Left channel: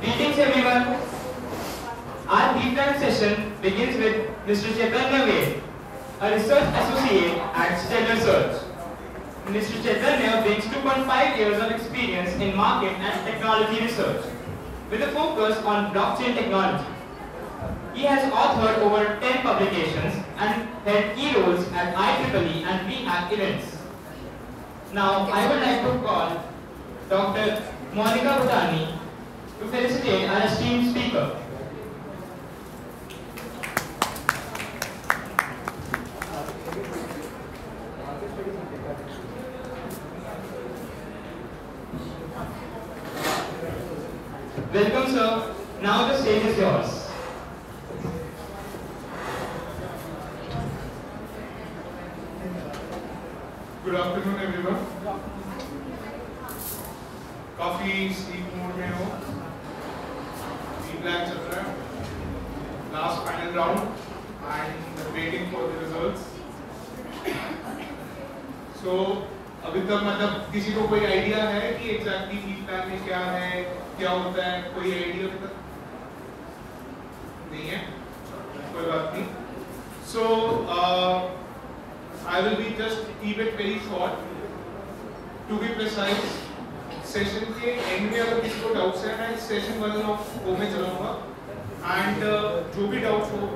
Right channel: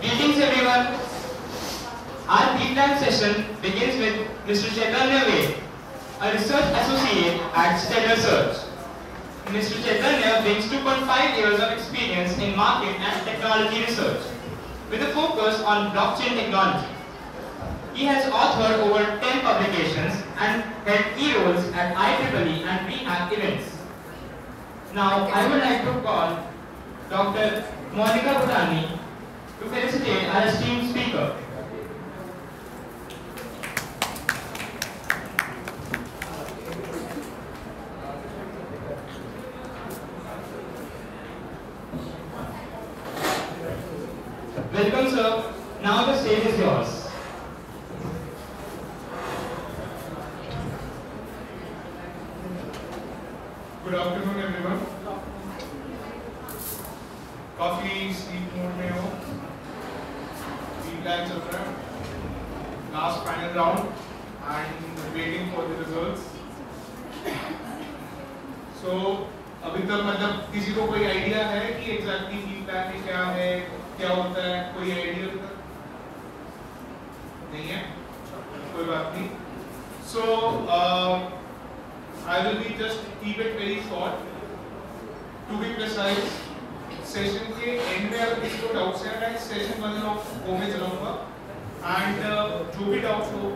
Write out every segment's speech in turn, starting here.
Greetings everyone. Our deep dive session begins with Mr. Chaitanya Ved, a research associate at Stellar Search. Mr. Chaitanya brings 2.5 years of experience in market and technology research, with a focus on blockchain technology. He has authored over 10 publications and held key roles at IEEE and VHAC events. Now, I would like to call Dr. Monica Bhutani to felicitate our esteemed speaker. Welcome, sir. Now the stage is yours. Good afternoon, everyone. काफी sleep mode में हो, feedback चल रहा है, last final round and waiting for the results. So अभी तक मतलब किसी को कोई आइडिया है कि एग्जैक्टली फीडबैक में क्या है, क्या होता है? कोई आइडिया अभी तक नहीं है? कोई बात नहीं. सो I will be just keep it very short. To be precise, session के एंड में अगर किसी को डाउट्स है मैं सेशन 1 ऑफ वो में चलाऊंगा एंड जो भी डाउट्स हो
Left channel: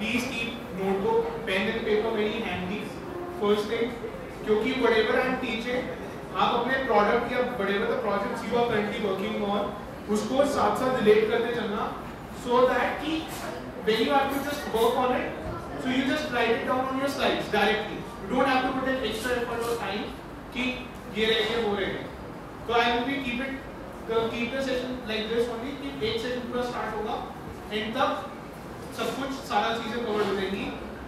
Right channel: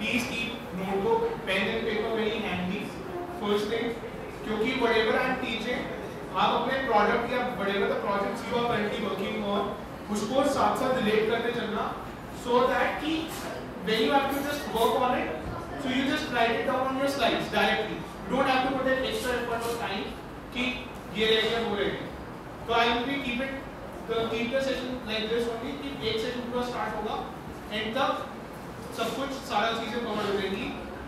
please keep notebook pen and paper very handy first thing, क्योंकि व्हाटएवर आई एम टीचिंग आप अपने प्रोडक्ट या whatever the projects you are currently working on उसको साथ साथ रिलेट करते चलना, सो दैट कि when you have to just work on it so you just write it down on your slides directly. You don't have to put an extra effort or time कि ये रह गया वो रह गया. So I will be keep the session like this only कि एक session पूरा स्टार्ट होगा एंड तक सब कुछ सारा चीजें कवर हो जाएंगी.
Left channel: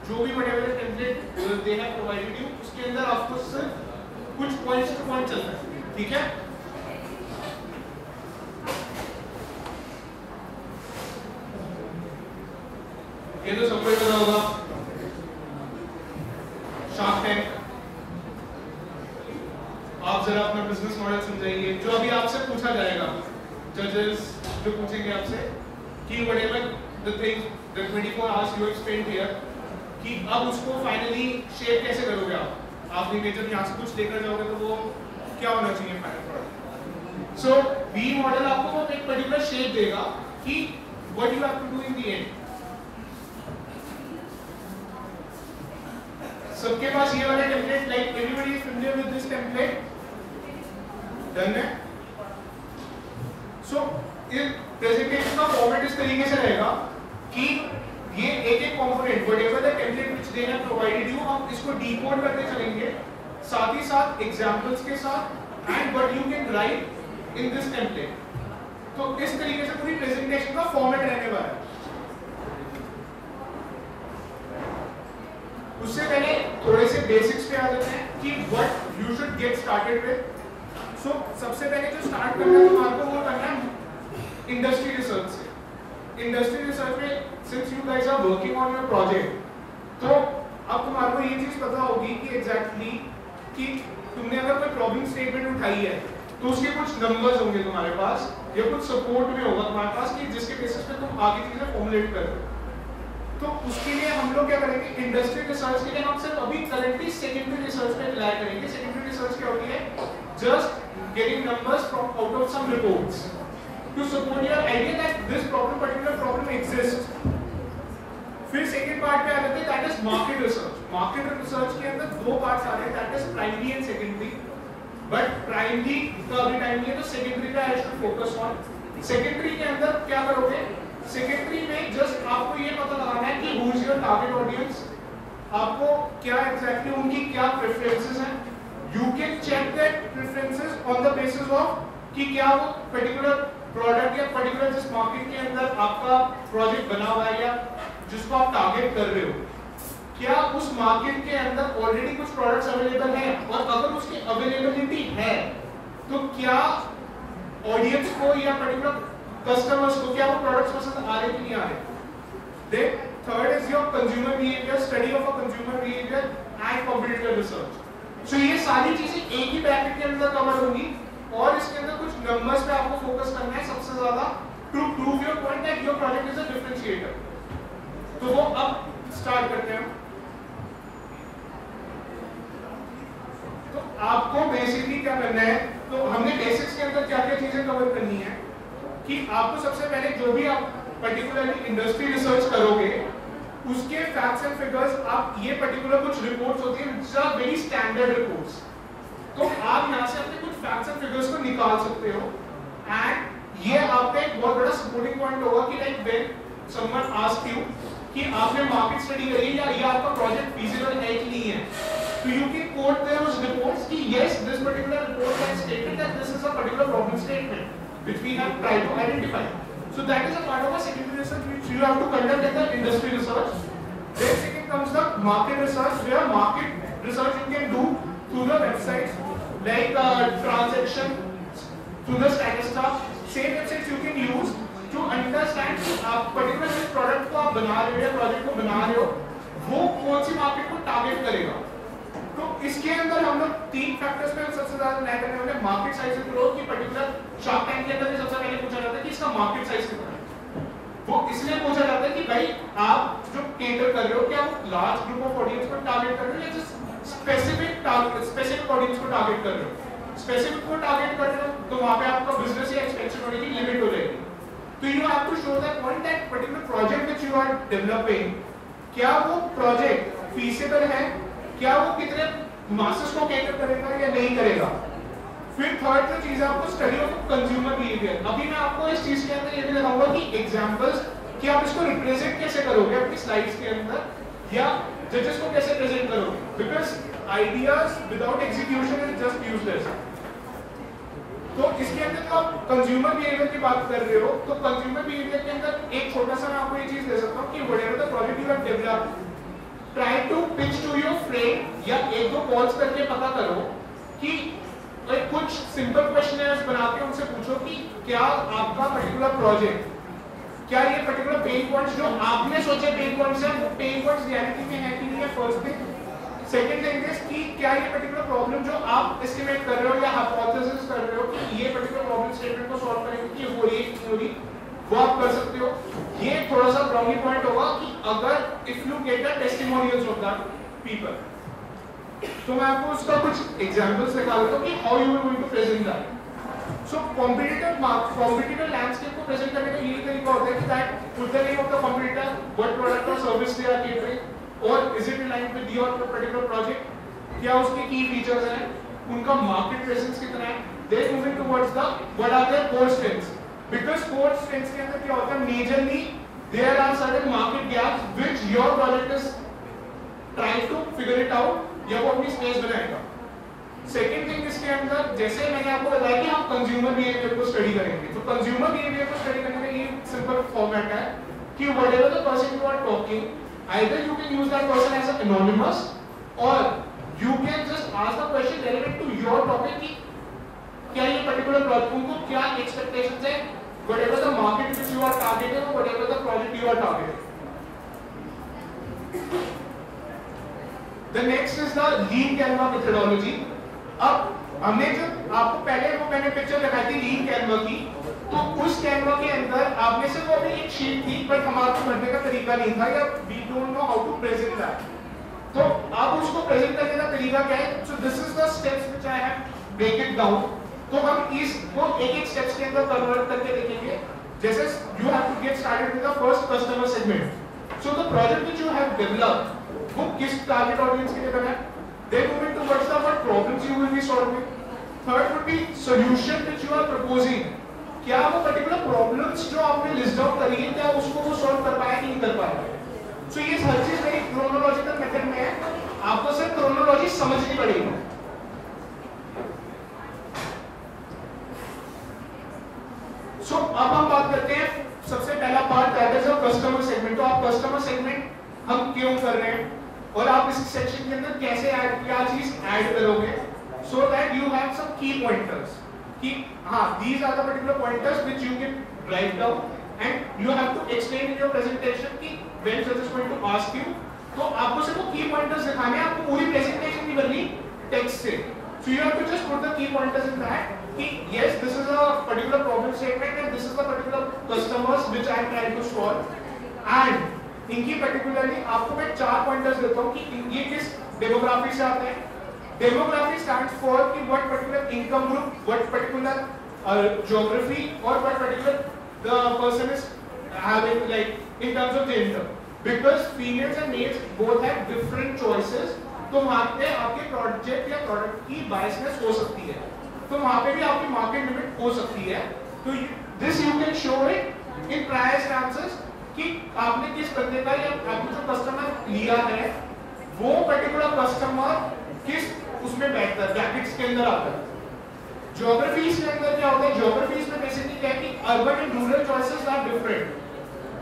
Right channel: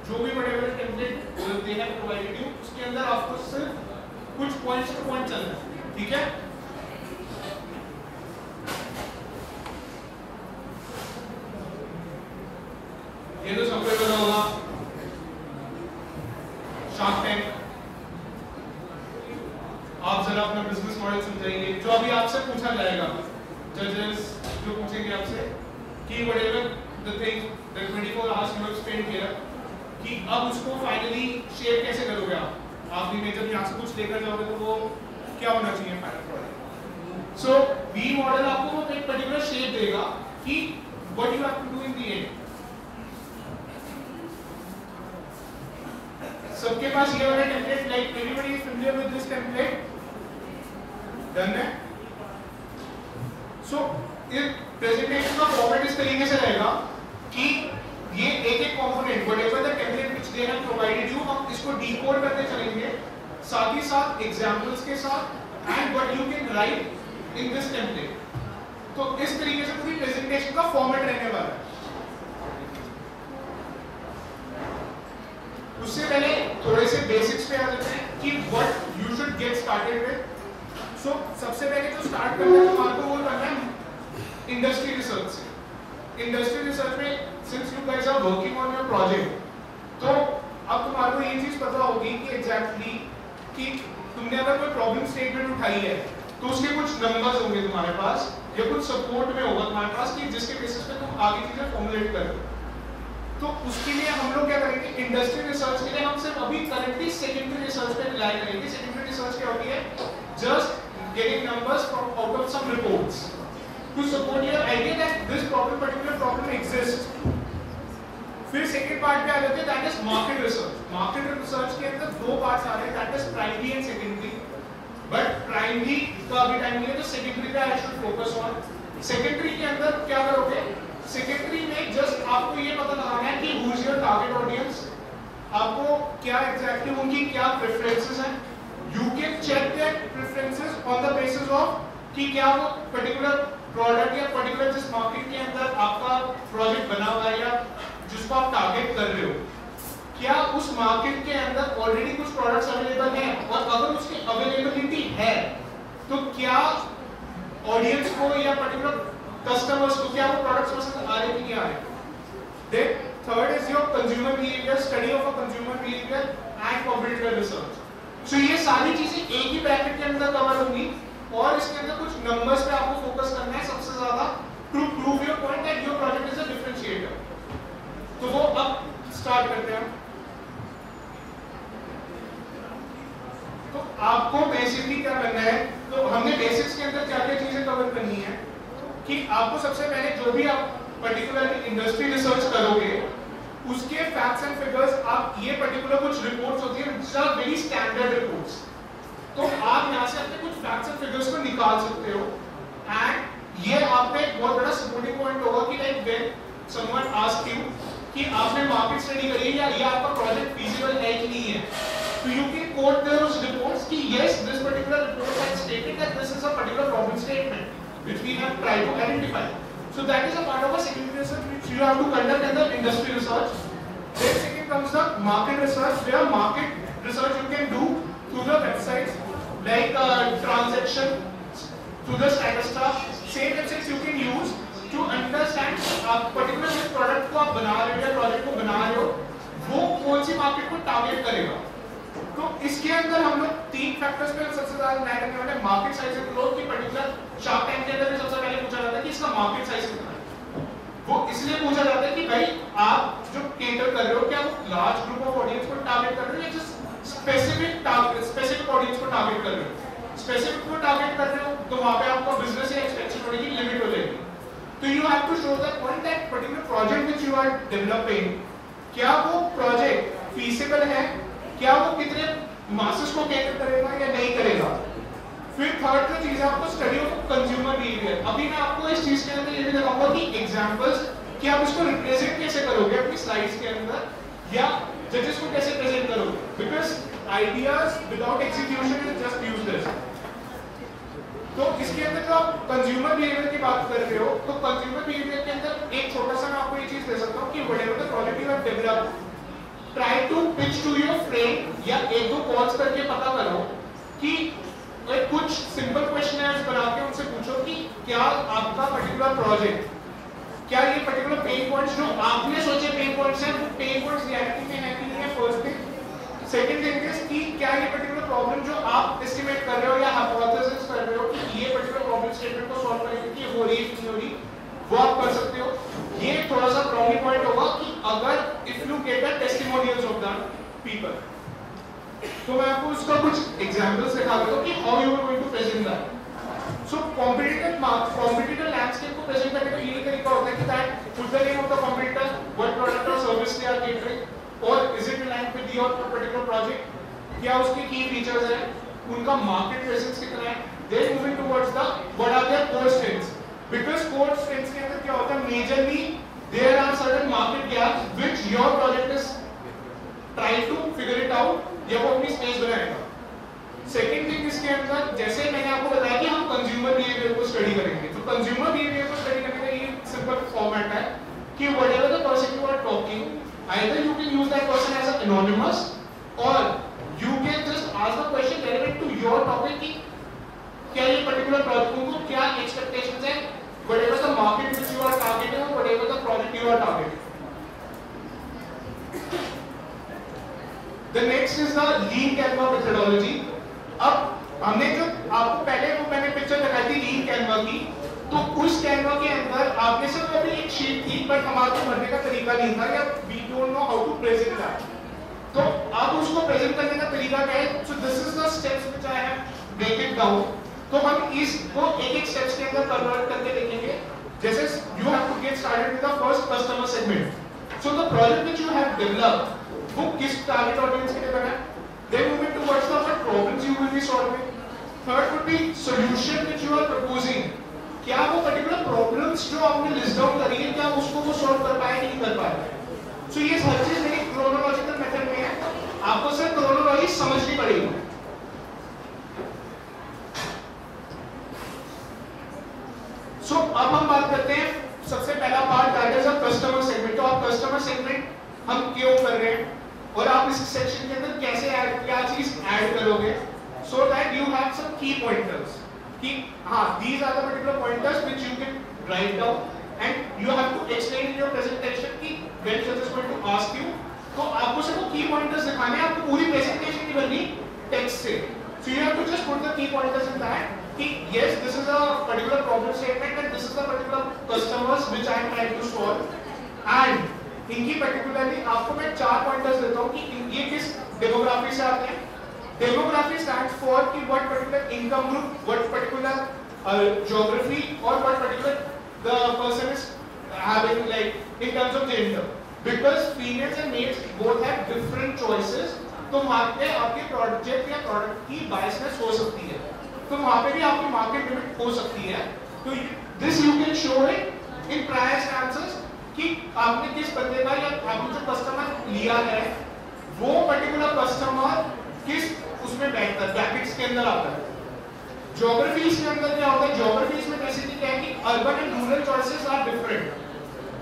जो भी whatever template they have provided you उसके अंदर आपको सिर्फ कुछ पॉइंट्स पे पॉइंट चलना है, ठीक है? ये तो सबको पता होगा, शार्क टैंक. आप जरा अपना बिजनेस मॉडल समझाइए. जो अभी आपसे पूछा जाएगा, जजेस जो पूछेंगे आपसे कि whatever the thing the 24 hours you have spent here कि अब उसको फाइनली शेप कैसे करोगे आप ने जब यहाँ से कुछ लेकर जाओगे तो वो क्या होना चाहिए final product. So V model आपको एक पर्टिकुलर शेप देगा कि what you have to do in the end. सबके पास ये वाला template, like everybody is familiar with this template, done है? सो इस प्रेजेंटेशन का फॉर्मेट इस तरीके से रहेगा कि ये एक एक component whatever the template which they have provided you हम इसको डिकोड करते चलेंगे, साथ ही साथ एग्जांपल्स के साथ and what you can write in this template. तो इस तरीके से पूरी प्रेजेंटेशन का फॉर्मेट रहने वाला है. उससे पहले थोड़े से बेसिक्स पे आ जाते हैं कि what you should get started with. So सबसे पहले जो स्टार्ट करना है आपको वो करना है इंडस्ट्री रिसर्च से. इंडस्ट्री रिसर्च में since you guys are working on your project, तो अब तुम्हारे को ये चीज पता होगी कि एग्जैक्टली कि तुमने अगर कोई प्रॉब्लम स्टेटमेंट उठाई है तो उसके कुछ नंबर्स होंगे तुम्हारे पास या कुछ सपोर्ट में होगा तुम्हारे पास कि जिसके बेसिस पे तुम आगे चीजें फॉर्मुलेट कर दो. तो उसके लिए हम लोग क्या करेंगे, इंडस्ट्री रिसर्च के लिए हम सिर्फ अभी करंटली सेकेंडरी रिसर्च पे रिलाई करेंगे. सेकेंडरी रिसर्च क्या होती है? Just getting numbers from out of some reports to support your idea that this problem particular problem exist. फिर सेकंड पार्ट पे आ जाते हैं that is market research. Market research के अंदर दो पार्ट्स आ रहे हैं, that is primary and secondary. But primary का अभी टाइम नहीं है तो सेकेंडरी पे I should focus on. Secondary के अंदर क्या करोगे? सेकेंडरी में जस्ट आपको ये पता लगाना है कि who is your target audience, आपको क्या एग्जैक्टली उनकी क्या प्रेफरेंसेस हैं. You can check that preferences on the basis of कि क्या वो पर्टिकुलर प्रोडक्ट या पर्टिकुलर जिस मार्केट के अंदर आपका प्रोजेक्ट बना हुआ है या जिसको आप टारगेट कर रहे हो, क्या उस मार्केट के अंदर ऑलरेडी कुछ प्रोडक्ट्स अवेलेबल हैं, और अगर उसकी अवेलेबिलिटी है तो क्या ऑडियंस को या पर्टिकुलर कस्टमर्स को क्या वो प्रोडक्ट्स पसंद आ रहे कि नहीं आ रहे. Then third is your consumer behaviour, study of a consumer behaviour and competitive research. So ये सारी चीजें एक ही ब्रैकेट के अंदर कवर होंगी और इसके अंदर कुछ नंबर्स पे आपको फोकस करना है सबसे ज्यादा. to prove your point that your project is a differentiator. तो वो अब स्टार्ट करते हैं. तो आपको बेसिकली क्या करना है, तो हमने बेसिक्स के अंदर क्या क्या चीजें कवर करनी है कि आपको सबसे पहले जो भी आप पर्टिकुलरली इंडस्ट्री रिसर्च करोगे उसके फैक्ट्स एंड फिगर्स, आप ये पर्टिकुलर कुछ रिपोर्ट्स होती है which are very standard reports, तो आप यहाँ से अपने कुछ फैक्ट्स एंड फिगर्स को निकाल सकते हो. एंड ये आप पे एक बहुत बड़ा सपोर्टिंग पॉइंट होगा कि like when someone ask you कि आपने मार्केट स्टडी करी या ये आपका प्रोजेक्ट फीजिबल है कि नहीं है, तो you can quote those reports कि yes this particular report has stated that this is a particular problem statement which we have tried to identify. So that is a part of a secondary research which you have to conduct in the industry research. Then second comes the market research, where market research you can do through the websites like transaction, through the Statista. Same websites you can use to understand आप particular जिस product को आप बना रहे हो या project को बना रहे हो वो कौन सी market को target करेगा. तो इसके अंदर हम लोग तीन फैक्टर्स पे सबसे ज्यादा ध्यान करने वाले. मार्केट साइज एंड ग्रोथ की पर्टिकुलर शार्क टैंक के अंदर में सबसे पहले पूछा जाता है कि इसका मार्केट साइज कितना है. वो इसलिए पूछा जाता है कि भाई आप जो केटर कर रहे हो क्या वो लार्ज ग्रुप ऑफ ऑडियंस को टारगेट कर रहे हो या जस्ट स्पेसिफिक ऑडियंस को टारगेट कर रहे हो. स्पेसिफिक को टारगेट कर रहे हो तो वहां पे आपका बिजनेस या एक्सपेंशन होने की लिमिट हो जाएगी. तो you have to show the point that particular project which you are developing, क्या वो प्रोजेक्ट फीसिबल है, क्या वो कितने मासेस को कैटर करेगा या नहीं करेगा. फिर थर्ड जो चीज है आपको स्टडी ऑफ कंज्यूमर बिहेवियर. अभी मैं आपको इस चीज के अंदर ये भी दिखाऊंगा कि एग्जांपल्स कि आप इसको रिप्रेजेंट कैसे करोगे अपनी स्लाइड्स के अंदर या जजेस को कैसे प्रेजेंट करोगे, because ideas without execution is just useless. तो इसके अंदर जो आप कंज्यूमर बिहेवियर की बात कर रहे हो तो कंज्यूमर बिहेवियर के अंदर एक छोटा सा मैं आपको ये चीज दे सकता हूँ कि whatever the project you have developed, try to pitch to your friend या एक दो कॉल्स करके पता करो कि कुछ सिंपल क्वेश्चनर्स बना के उनसे पूछो कि क्या आपका पर्टिकुलर प्रोजेक्ट, क्या ये पर्टिकुलर पेन पॉइंट्स जो आपने सोचे पेन पॉइंट्स हैं वो पेन पॉइंट्स रियलिटी में है कि नहीं है. First thing. Second thing is कि क्या ये पर्टिकुलर प्रॉब्लम जो आप एस्टिमेट कर रहे हो या हाइपोथेसिस कर रहे हो कि ये पर्टिकुलर प्रॉब्लम स्टेटमेंट को सॉल्व करने की हो रही है कि हो रही, वो आप कर सकते हो. ये थोड़ा सा प्रॉब्लम पॉइंट होगा कि अगर if you get the testimonials of the people, तो मैं आपको उसका कुछ एग्जांपल्स दिखा देता हूं कि how you are going to present that. So competitor landscape को प्रेजेंट करने का ये तरीका होता है कि that put the name of the competitor, what product और सर्विस दे आर केटरिंग और is it aligned with your particular project, क्या उसके की फीचर्स हैं, उनका मार्केट प्रेजेंस कितना है. Then moving towards the what are their core strengths, because core strengths के अंदर क्या होता है majorly there are certain market gaps which your project is trying to figure it out या वो अपनी स्पेस बनाएगा. सेकेंड थिंग इसके अंदर जैसे मैंने आपको बताया कि हम कंज्यूमर बिहेवियर को स्टडी करेंगे, तो कंज्यूमर बिहेवियर को स्टडी करने का ये सिंपल फॉर्मेट है कि whatever the person you are talking, either you can use that person as an anonymous or you can just ask the question relevant to your topic कि क्या ये particular project उनको क्या expectations है, whatever the market which you are targeting or whatever the project you are targeting. The next is the lean Canva methodology. अब हमने जो आपको पहले वो मैंने पिक्चर दिखाई थी lean Canva की, तो उस कैनवा के अंदर आपने से वो अभी एक शीट थी पर हमारे को भरने का तरीका नहीं था या we don't know how to present that. तो अब उसको प्रेजेंट करने का तरीका क्या है. So this is the steps which I have break it down. तो हम इसको एक एक स्टेप्स के अंदर कन्वर्ट करके देखेंगे. जैसे you have to get started with the first customer segment. So the project which you have developed वो किस टारगेट ऑडियंस के लिए करना है. Then moving towards the what problems you will be solving. Third would be solution which you are proposing. क्या वो particular problems जो आपने लिस्ट डाउन करी है क्या उसको वो सॉल्व कर पाए नहीं कर पाए. सो ये हर चीज मेरी क्रोनोलॉजिकल मेथड में है, आपको सिर्फ क्रोनोलॉजी समझनी पड़ेगी. सो अब हम बात करते हैं सबसे पहला part that is a customer segment. तो आप कस्टमर सेगमेंट हम क्यों कर रहे हैं और आप इस सेक्शन के अंदर कैसे क्या चीज ऐड करोगे so that you have some key pointers कि हाँ these are the particular pointers which you can write down and you have to explain in your presentation कि when judge is going to ask you, तो आपको सिर्फ वो की pointers दिखाने हैं, आपको पूरी प्रेजेंटेशन नहीं करनी टेक्स्ट से. So you have to just put the key pointers in that कि yes, this is a particular problem statement and this is a particular customers which I am trying to solve and इनकी particularly आपको मैं 4 pointers देता हूँ कि ये किस demography से आते हैं. Demography stands for कि what particular income group, what particular geography or what particular the person is having like in terms of gender. Because females and males both have different choices. तो वहाँ पे आपके project या product की biasness हो सकती है, तो वहाँ पे भी आपकी मार्केट लिमिट हो सकती है. तो this you can show it in prior stances कि आपने किस बंदे का या आपने जो कस्टमर लिया है वो पर्टिकुलर कस्टमर किस उसमें बैठता है, ब्रैकेट्स के अंदर आता है. ज्योग्राफीज के अंदर क्या होता है, ज्योग्राफीज में बेसिकली क्या है कि urban and rural choices are different.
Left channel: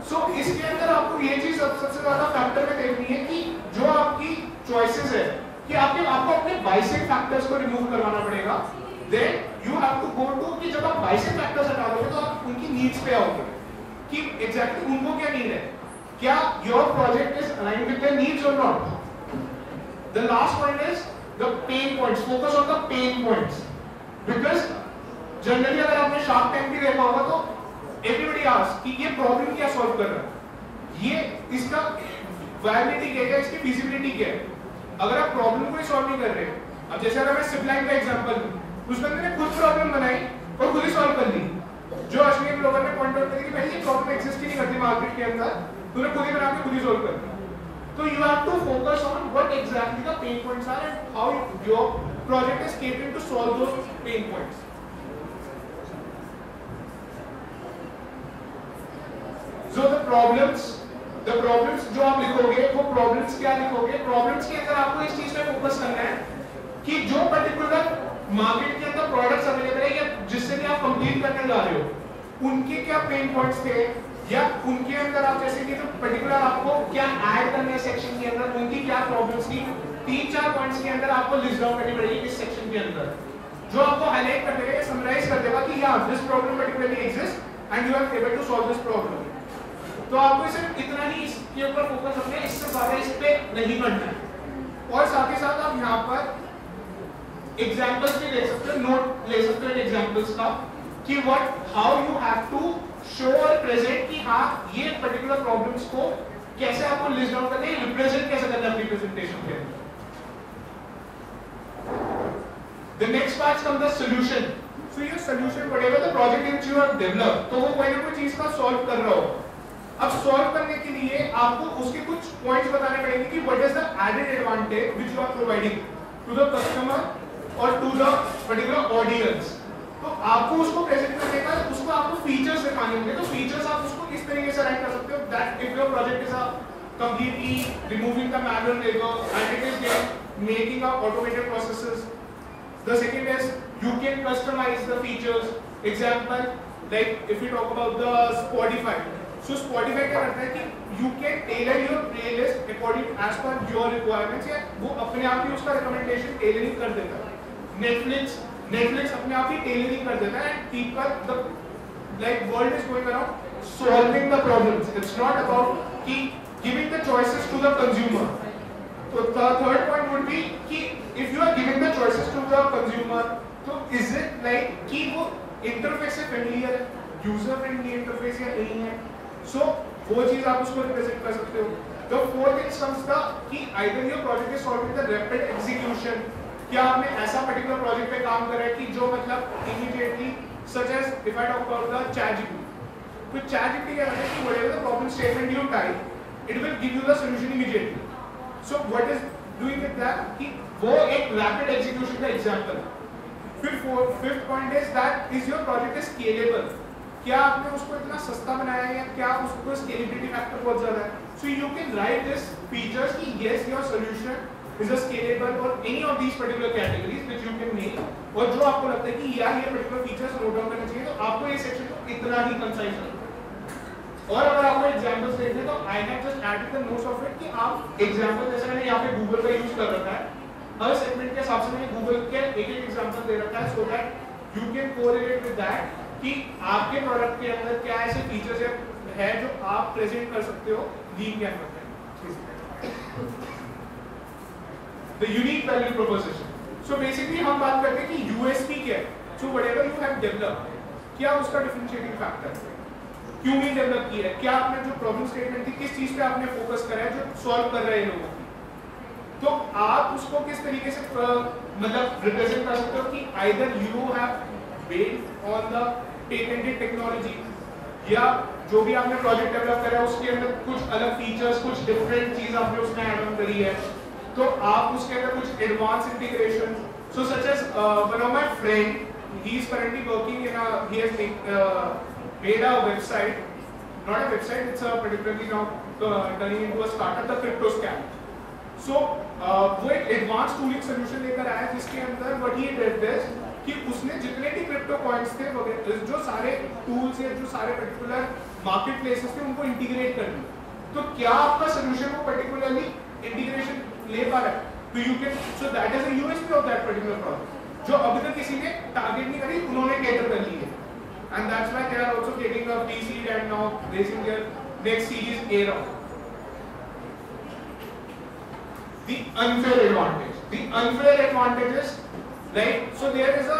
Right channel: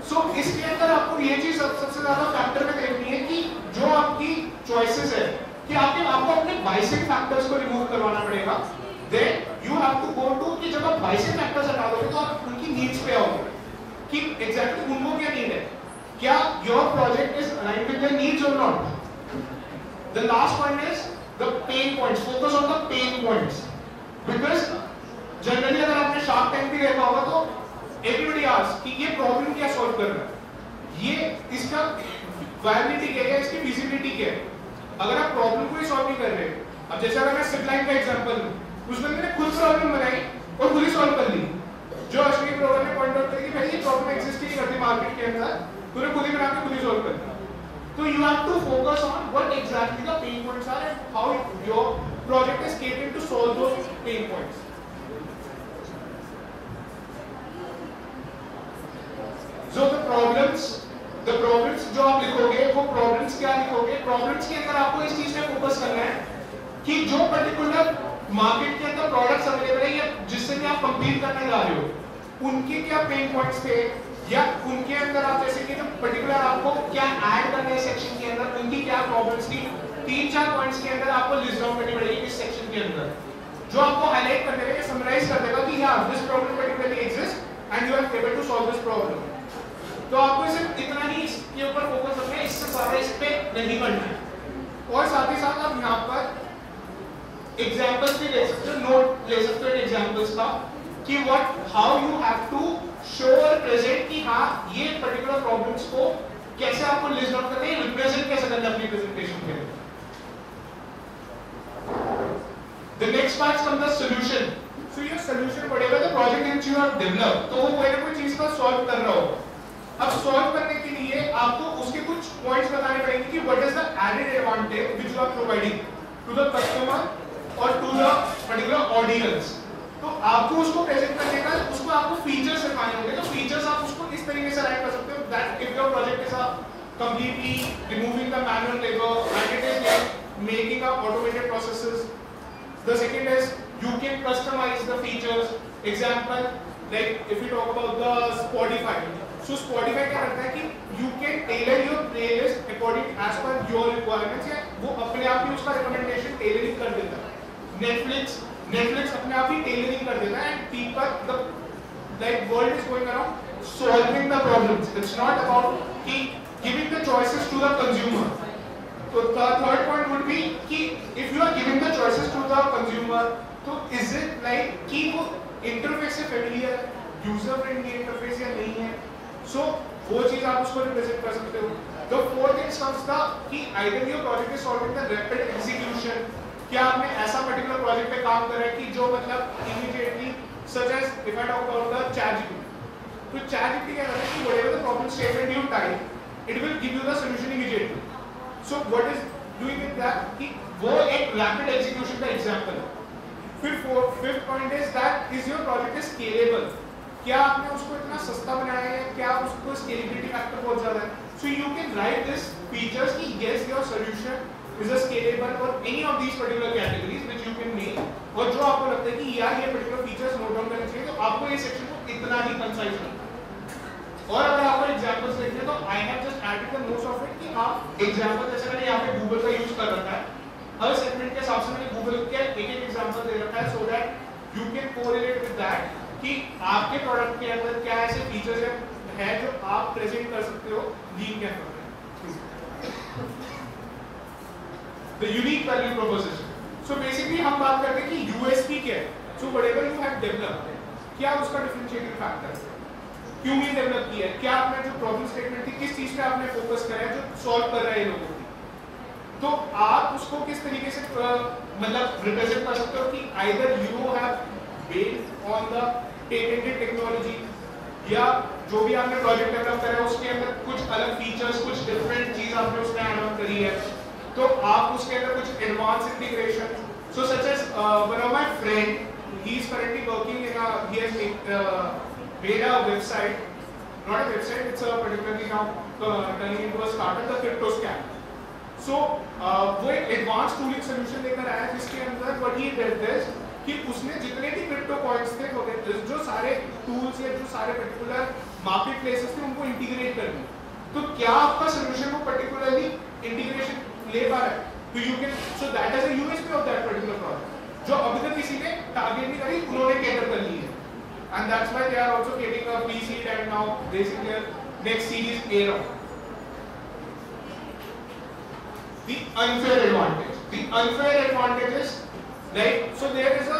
So इसके अंदर आपको ये चीज सबसे ज्यादा फैक्टर में देखनी है कि जो आपकी चॉइसेस है कि आपको अपने बाइसेक फैक्टर्स को रिमूव करवाना पड़ेगा. Then you have to go to कि जब आप बाइसेक फैक्टर्स हटा दोगे तो आप उनकी नीड्स पे आओगे कि एग्जैक्टली उनको क्या नीड है, क्या your project is aligned with their needs or not. The last point is the pain points. Focus on the pain points because generally अगर आपने शार्क टैंक भी देखा होगा तो एवरीबॉडी आस्क कि ये प्रॉब्लम क्या सॉल्व कर रहा है, ये इसका वायबिलिटी क्या है, इसकी फिजिबिलिटी क्या है. अगर आप प्रॉब्लम को ही सॉल्व नहीं कर रहे, अब जैसे अगर मैं सिपलाइन का एग्जांपल लूं, उस बंदे ने खुद प्रॉब्लम बनाई और खुद ही सॉल्व कर ली. जो अश्विनी ग्रोवर ने पॉइंट आउट किया कि भाई ये प्रॉब्लम एग्जिस्ट ही नहीं करती मार्केट के अंदर, तूने खुद ही बना के खुद ही सॉल्व कर लिया. तो you have to focus on what exactly the pain points are and how your project is capable to solve those pain points. So the problems जो आप लिखोगे वो प्रॉब्लम्स क्या लिखोगे, प्रॉब्लम्स के अंदर आपको इस चीज पे फोकस करना है कि जो पर्टिकुलर मार्केट के अंदर प्रोडक्ट्स अवेलेबल है या जिससे भी आप कंपीट करने जा रहे हो उनके क्या पेन पॉइंट्स थे, या उनके अंदर आप जैसे कि पर्टिकुलर आपको क्या ऐड करना है सेक्शन के अंदर, उनकी क्या प्रॉब्लम्स थी. 3-4 पॉइंट्स के अंदर आपको लिस्ट डाउन करनी पड़ेगी किस सेक्शन के अंदर, जो आपको हाईलाइट कर देगा, समराइज कर देगा कि या this problem particularly exist and you are able to solve this problem. तो आपको सिर्फ इतना ही इसके ऊपर फोकस रखना है, इससे ज्यादा इस पे नहीं करना है. और साथ ही साथ आप यहाँ पर एग्जांपल्स भी ले सकते हो, नोट ले सकते हो एग्जांपल्स का कि what how you have to show और प्रेजेंट कि हाँ ये पर्टिकुलर प्रॉब्लम्स को कैसे आपको लिस्ट डाउन करना है, रिप्रेजेंट कैसे करना है अपनी प्रेजेंटेशन में. The next part comes the solution. So your solution whatever the project which you have developed, तो वो कोई ना कोई चीज का सॉल्व कर रहा हो. अब सॉल्व करने के लिए आपको उसके कुछ पॉइंट्स बताने पड़ेंगे कि what is the added advantage which you are providing to the customer और टू द पर्टिकुलर ऑडियंस. तो आपको उसको प्रेजेंट करने का उसको आपको फीचर्स दिखाने होंगे. तो फीचर्स आप उसको इस तरीके से राइट कर सकते हो that if your project is a completely removing the manual labor and it is making up automated processes. The second is you can customize the features. Example like if we talk about the Spotify. So Spotify क्या करता है कि you can tailor your playlist according as per your requirements, या वो अपने आप ही उसका recommendation tailoring कर देता है. Netflix अपने आप ही tailoring कर देता है and people the like world is going around solving the problems. It's not about कि giving the choices to the consumer. So the third point would be कि if you are giving the choices to the consumer, तो is it like कि वो interface से familiar है, user friendly interface या नहीं है. So वो चीज आप उसको रिप्रेजेंट कर सकते हो. The fourth thing comes the कि either your project is solving the rapid execution. क्या आपने ऐसा particular project पे काम कर रहा है कि जो मतलब immediately such as if I talk about the ChatGPT. तो ChatGPT क्या करता है कि whatever the problem statement you type, it will give you the solution immediately. So what is doing with that कि वो एक rapid execution का example है. Fifth point is that is your project is scalable. क्या आपने उसको इतना सस्ता बनाया है, क्या आप उसको स्केलेबिलिटी फैक्टर बहुत ज्यादा है. So you can write this features कि yes your solution is a scalable or any of these particular categories which you can make. और जो आपको लगता है कि यार ये particular features नोट डाउन करना चाहिए, तो आपको ये सेक्शन को इतना ही कंसाइज करना. और अगर आपको एग्जांपल्स देखना है तो I have just added the notes of it कि आप एग्जांपल जैसे मैंने यहाँ पे गूगल का यूज कर रखा है, हर सेगमेंट के हिसाब से मैंने गूगल के एक एग्जांपल दे रखा है सो that you can correlate with that कि आपके प्रोडक्ट के अंदर क्या ऐसे फीचर्स है जो आप प्रेजेंट कर सकते हो लीन कैनवा में. The unique value proposition. So basically हम बात करते हैं कि यूएसपी क्या है. So whatever you have developed, क्या उसका डिफरेंशिएटिंग फैक्टर है, क्यों नहीं डेवलप किया है, क्या आपने जो प्रॉब्लम स्टेटमेंट थी किस चीज पे आपने फोकस करा है जो सॉल्व कर रहे हैं लोगों की, तो आप उसको किस तरीके से मतलब रिप्रेजेंट कर सकते हो कि either you have based on the patented technology, या जो भी आपने प्रोजेक्ट डेवलप करा है उसके अंदर कुछ अलग फीचर्स, कुछ डिफरेंट चीज आपने उसमें ऐड ऑन करी है, तो आप उसके अंदर कुछ advance integration, so such as one of my friend, he is currently working in he has made a website, not a website, it's a particularly now turning into a startup, the CryptoScan. So वो एक advance tooling solution लेकर आया जिसके अंदर what he did this कि उसने जितने भी क्रिप्टो कॉइन्स थे जो सारे टूल्स या जो सारे पर्टिकुलर मार्केट प्लेसेस थे उनको इंटीग्रेट कर दिया, तो क्या आपका सोल्यूशन वो पर्टिकुलरली इंटीग्रेशन ले पा रहा है, तो you can, so that is a USP of that particular project जो अभी तक किसी ने टारगेट नहीं करी, उन्होंने कैटर कर ली है, and that's why they are also getting a pre-seed and now raising their next series A round. The unfair advantage. The unfair advantage is, right? So there is a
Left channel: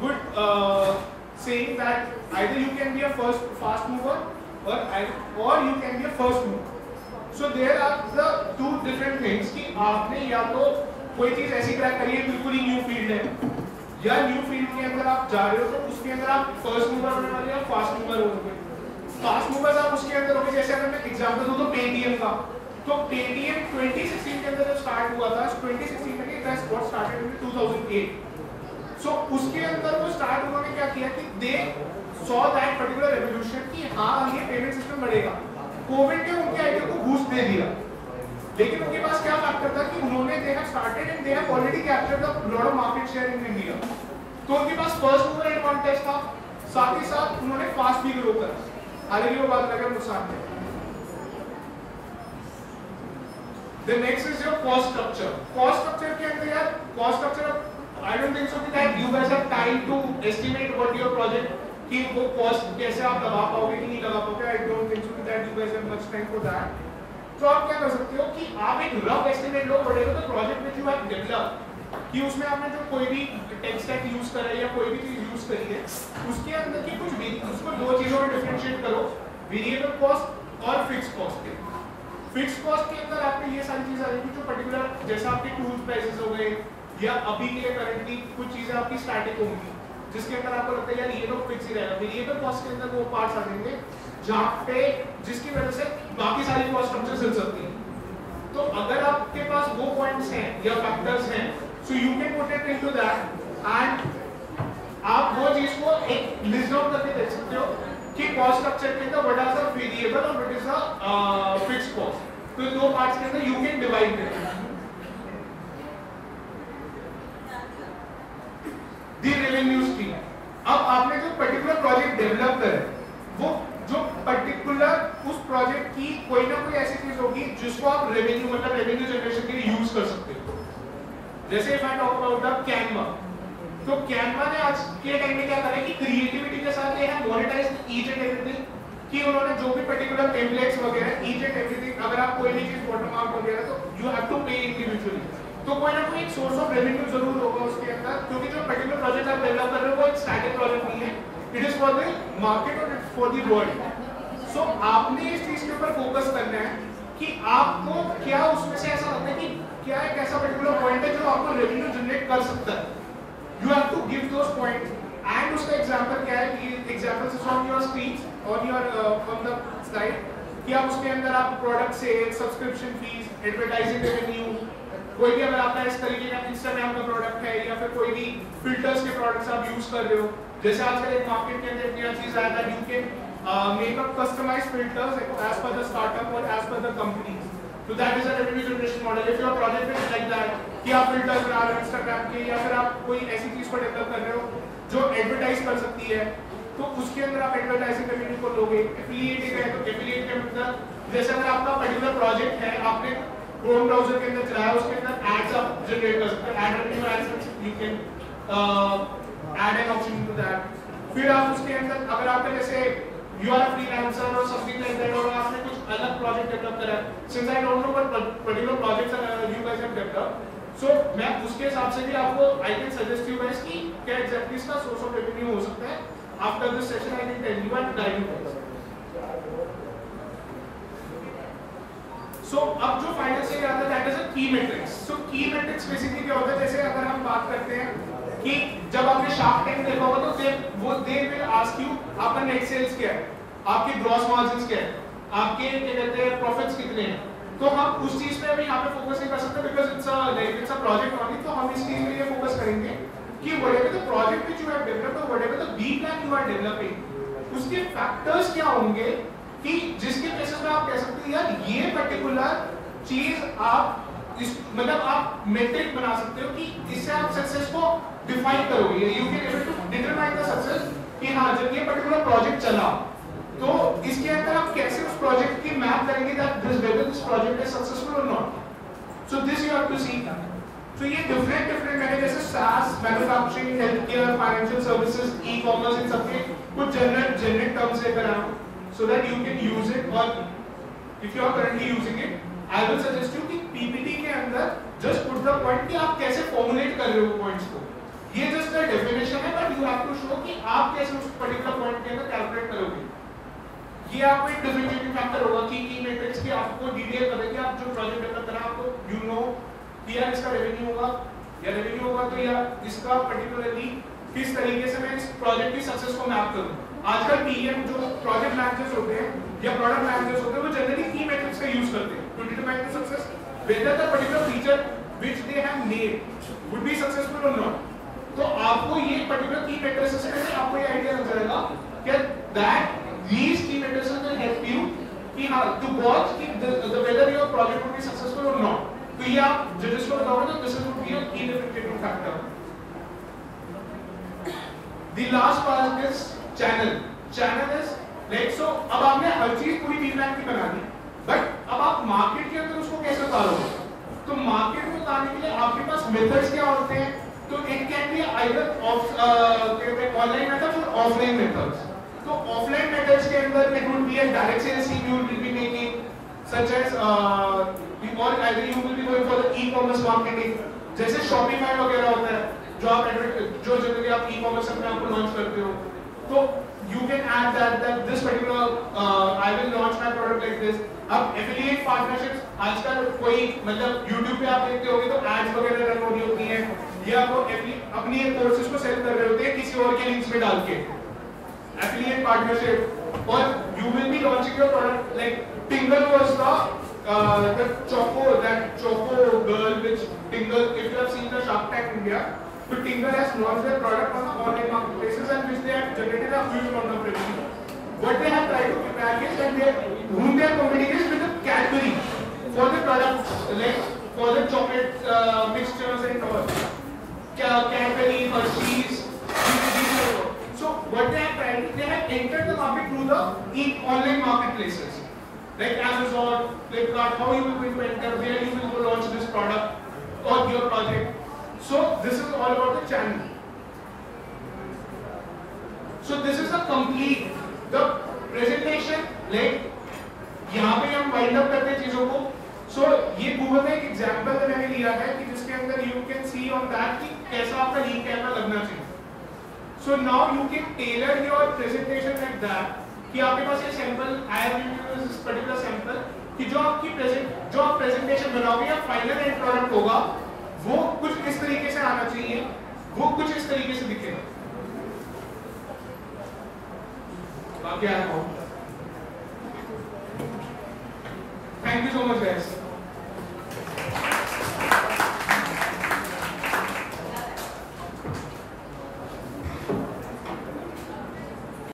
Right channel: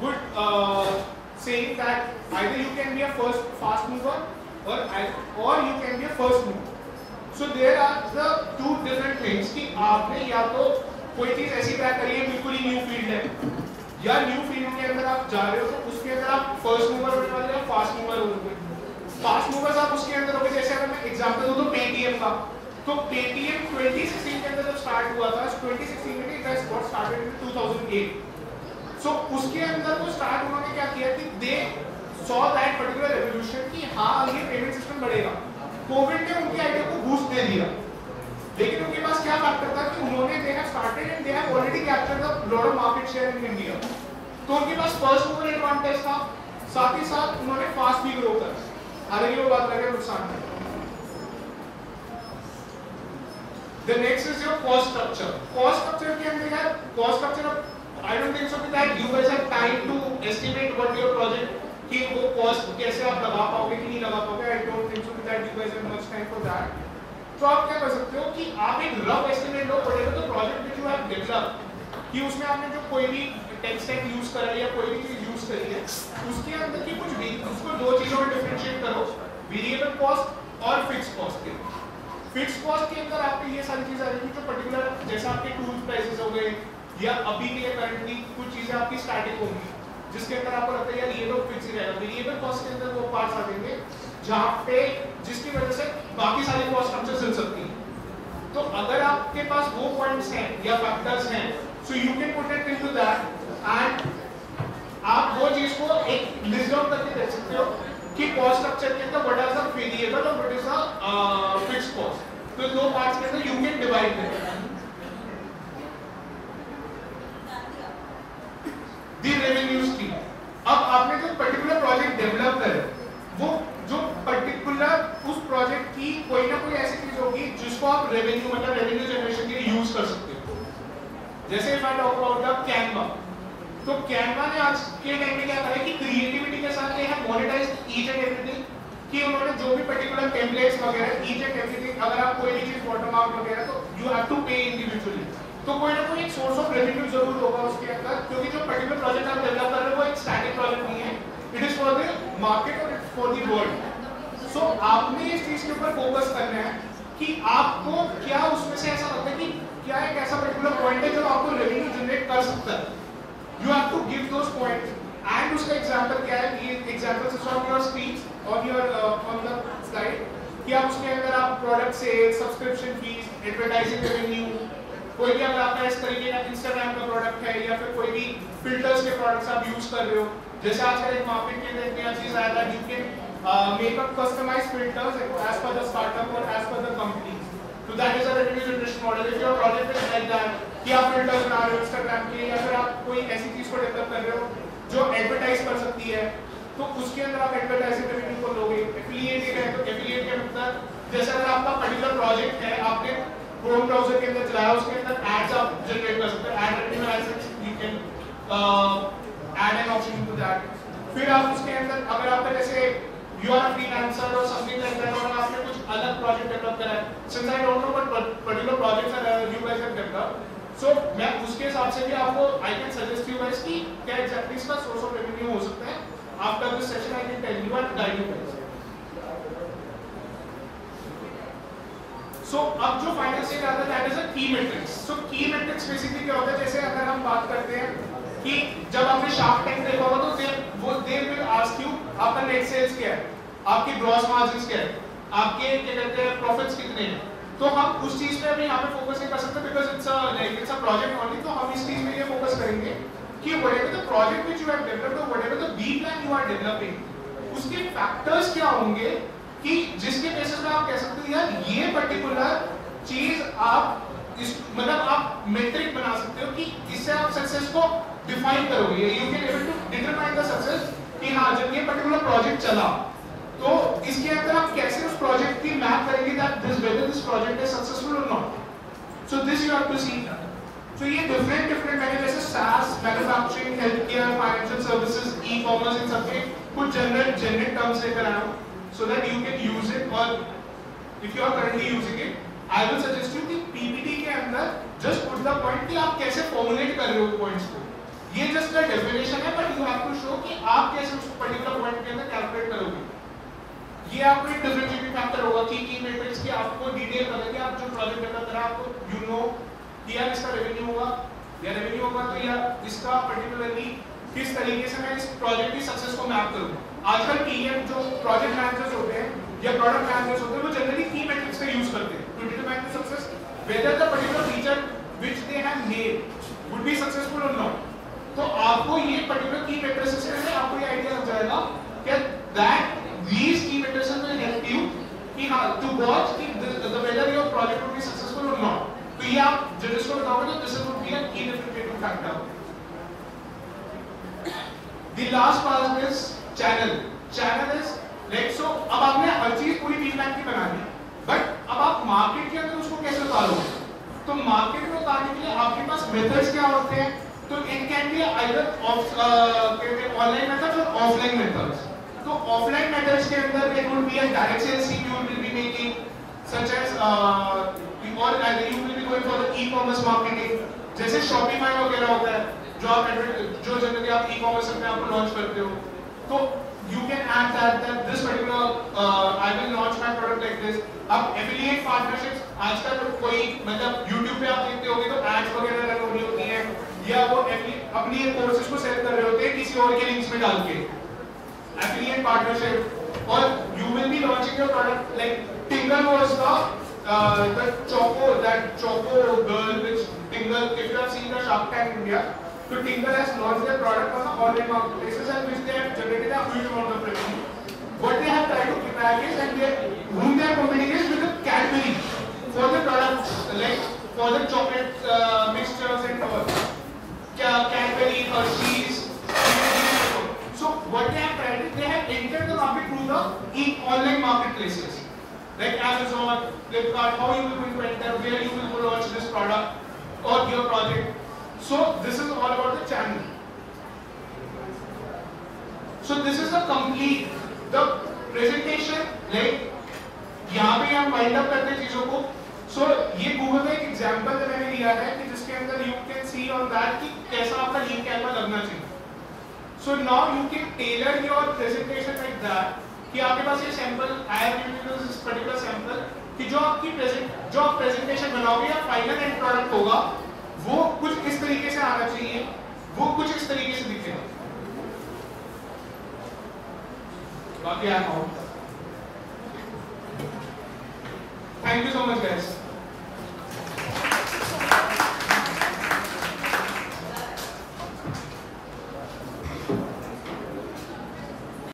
good saying that either you can be a fast mover or you can be a first mover. So there are the two different things कि आपने या तो कोई चीज ऐसी crack करी है बिल्कुल ही न्यू फील्ड है, या न्यू फील्ड के अंदर आप जा रहे हो तो उसके अंदर आप फर्स्ट मूवर होने वाले हैं, फास्ट मूवर होंगे. फास्ट मूवर्स आप उसके अंदर होंगे, जैसे अगर मैं एग्जांपल दूं तो पेटीएम का, तो पेटीएम 2016 के अंदर जो स्टार्ट हुआ था, 2016 में it has got started in 2008. सो उसके अंदर वो स्टार्ट उन्होंने क्या किया कि they saw that particular revolution कि हाँ ये पेमेंट सिस्टम बढ़ेगा. कोविड ने उनके आइडिया को बूस्ट दे दिया, लेकिन उनके पास क्या फैक्टर था कि उन्होंने they have started and they have already captured the lot of market share in India, तो उनके पास फर्स्ट मूवर एडवांटेज था, साथ ही साथ उन्होंने फास्ट भी ग्रो करा. हालांकि वो बात लगे नुकसान है. The next is your cost structure. Cost structure के अंदर यार cost structure, I don't think so that you guys have time to estimate what your project कि वो cost कैसे आप लगा पाओगे कि नहीं लगा पाओगे. I don't think so that you guys have much time for that. तो आप क्या कर सकते हो कि आप एक rough estimate low whatever the project which you have developed, कि उसमें आपने जो कोई भी टेक स्टैक यूज करा है या कोई भी चीज यूज करी है उसके अंदर की कुछ भी उसको दो चीजों में डिफरेंशिएट करो, वेरिएबल कॉस्ट और फिक्स कॉस्ट के. फिक्स कॉस्ट के अंदर आपके ये सारी चीज आ जाएगी जो पर्टिकुलर जैसा आपके टूल्स प्राइसेस हो गए या अभी के लिए करंटली कुछ चीजें आपकी स्टैटिक होंगी जिसके अंदर आपको लगता है यार ये तो फिक्स ही रहेगा. वेरिएबल कॉस्ट के अंदर वो पार्ट्स आ जाएंगे जहां पे जिसकी वजह से बाकी सारी कॉस्ट स्ट्रक्चर चल सकती है. तो अगर आपके पास वो पॉइंट्स हैं या फैक्टर्स हैं, so you can put it into that and आप वो चीज को एक लिस्ट डाउन करके देख सकते हो कि कॉस्ट स्ट्रक्चर के अंदर व्हाट आर द वेरिएबल और what is the fixed cost. तो दो पार्ट्स के अंदर यू कैन डिवाइड देते. The revenue stream. अब आपने जो पर्टिकुलर प्रोजेक्ट डेवलप करे वो जो पर्टिकुलर उस प्रोजेक्ट की कोई ना कोई ऐसी चीज होगी जिसको आप रेवेन्यू मतलब रेवेन्यू जनरेशन के लिए यूज कर सकते हो. जैसे if I talk about the Canva, तो कैनवा ने आज के टाइम में क्या करा है कि क्रिएटिविटी के साथ ये है मोनेटाइज ईच एंड एवरीथिंग, कि उन्होंने जो भी पर्टिकुलर टेम्पलेट्स वगैरह ईच एंड एवरीथिंग, अगर आप कोई भी चीज बॉटम आउट वगैरह तो यू हैव टू पे इंडिविजुअली, तो कोई ना कोई एक सोर्स ऑफ रेवेन्यू जरूर होगा उसके अंदर, क्योंकि जो पर्टिकुलर प्रोजेक्ट आप डेवलप कर रहे हो वो एक स्टैटिक प्रोजेक्ट नहीं है, it is for the market और इट्स फॉर द वर्ल्ड. सो आपने इस चीज के ऊपर फोकस करना है कि आपको क्या उसमें से ऐसा लगता है कि क्या एक ऐसा पर्टिकुलर पॉइंट है जो आपको रेवेन्यू जनरेट कर सकता है. You have to give those points and उसका एग्जांपल क्या है कि examples is on your screen और योर ऑन द स्लाइड कि आप उसके अंदर आप product sale, subscription fees, advertising revenue, कोई भी अगर आपका इस तरीके का इंस्टाग्राम का प्रोडक्ट है या फिर कोई भी फिल्टर्स के प्रोडक्ट्स आप यूज कर रहे हो, जैसे आजकल एक मार्केट के अंदर इतनी चीज आया था you can make up customized filters as per the startup or as per the company. So that is a revenue generation model. If your project is like that कि आप filters बना रहे हो Instagram के या फिर आप कोई ऐसी चीज को डेवलप कर रहे हो जो एडवर्टाइज कर सकती है, तो उसके अंदर आप एडवर्टाइजिंग रेवेन्यू को लोगे. एफिलिएट है तो एफिलिएट का मतलब जैसे अगर आपका पर्टिकुलर प्रोजेक्ट है आपने क्रोम ब्राउजर के अंदर चलाया उसके अंदर एड्स आप जनरेट कर सकते हैं. Ad revenue as you can add an option to that. फिर आप उसके अंदर अगर आपका जैसे you are a freelancer or something like that और आपने कुछ अलग प्रोजेक्ट डेवलप करा है, since I don't know what particular projects you guys have developed, सो मैं उसके हिसाब से भी आपको I can suggest you guys कि क्या एग्जैक्टली इसका सोर्स ऑफ रेवेन्यू हो सकता है. After this session I can tell you and guide you guys. So अब जो फाइनल स्टेज आता है दैट इज अ की मैट्रिक्स. सो की मैट्रिक्स बेसिकली क्या होता है, जैसे अगर हम बात करते हैं कि जब आपने शार्क टैंक देखा होगा तो दे विल आस्क यू आपका नेट सेल्स क्या है, आपके ग्रॉस मार्जिन क्या है, आपके क्या कहते हैं प्रॉफिट्स कितने हैं. तो हम उस चीज पे अभी यहाँ पे फोकस नहीं कर सकते because it's a project only. तो हम इस चीज पे ये फोकस करेंगे कि whatever the project which you have developed or whatever the B plan you are developing, उसके फैक्टर्स क्या होंगे कि जिसके बेसिस पे आप कह सकते हैं यार ये पर्टिकुलर चीज आप इस मतलब आप मेट्रिक बना सकते हो कि इससे आप सक्सेस को डिफाइन करोगे. You can able to determine the success कि हाँ जब ये पर्टिकुलर प्रोजेक्ट चला तो इसके अंदर आप कैसे उस प्रोजेक्ट की मैप करेंगे that whether this project is successful or not. So this you have to see. तो ये डिफरेंट मैंने जैसे SaaS, manufacturing, health care, financial services, e commerce, इन सबके कुछ जनरल टर्म्स लेकर आया हूं so that you can use it. और if you are currently using it, I will suggest you कि PPT के अंदर just put the point कि आप कैसे formulate कर रहे हो points को. ये just a definition है but you have to show कि आप कैसे उस particular point के अंदर calculate करोगे. ये आपको एक differentiating factor होगा कि की मैट्रिक्स की आपको डिटेल करेंगे. आप जो प्रोजेक्ट डेवलप करा आपको you know कि यार इसका रेवेन्यू होगा या रेवेन्यू होगा तो या इसका पर्टिकुलरली किस तरीके से मैं इस प्रोजेक्ट की सक्सेस को मैप करूं. आजकल टीएम जो प्रोजेक्ट मैनेजर्स होते हैं या प्रोडक्ट मैनेजर्स होते हैं वो जनरली की मैट्रिक्स का यूज करते हैं to determine the success whether the particular feature which they have made would be successful or not. तो आपको ये पर्टिकुलर की मैट्रिक्स से आपको ये आइडिया लग जाएगा कि that these key matrices will help you कि हाँ to watch कि the whether your project would be successful or not. तो ये आप जजेस को बताओगे तो this would be a key differentiating factor. The last part is channel. Channel is like so. अब आपने हर चीज पूरी बी प्लान की बना दी, बट अब आप मार्केट के अंदर उसको कैसे उतारोगे? तो मार्केट में उतारने के लिए आपके पास मेथड्स क्या होते हैं? तो it can be either online methods or offline methods. तो ऑफलाइन मेथड्स के अंदर it would be a direct sales team you will be making such as or either you will be going for the ecommerce marketing, जैसे Shopify वगैरह होता है जो generally आप e-commerce अपने आप को लॉन्च करते हो. तो you can add that this particular I will launch my product like this. अब affiliate partnerships आजकल कोई मतलब YouTube पे आप देखते होंगे तो ads वगैरह रन हो रही होती हैं या वो अपनी कोर्सेज को सेल कर रहे होते हैं किसी और के लिंक्स में डाल के. Affiliate partnership और you will be launching your product like Tingle was the Choco girl which Tingle, if you have seen the Shark Tank India, so Tingle has launched their product on the online marketplaces and which they have generated a huge amount of revenue. What they have tried to crack is that whom they are competing is with the Cadbury for the products like for the chocolate mixtures and all. Cadbury, Hershey's, so what they have tried is they have entered the market through the online marketplaces like Amazon, Flipkart. How you will going to enter, where you will launch this product or your project. So this is all about the channel. So this is the complete the presentation like यहाँ पे हम wind up करते हैं चीजों को. So ये Google में एक एग्जांपल मैंने लिया है कि जिसके अंदर you can see on that कि कैसा आपका लीड कैमरा लगना चाहिए. So now you can tailor your presentation like that कि आपके पास ये sample I have given you this particular sample कि जो आप प्रेजेंटेशन बनाओगे या फाइनल एंड प्रोडक्ट होगा वो कुछ इस तरीके से आना चाहिए, वो कुछ इस तरीके से दिखेगा. बाकी आया हूं. Thank you so much guys.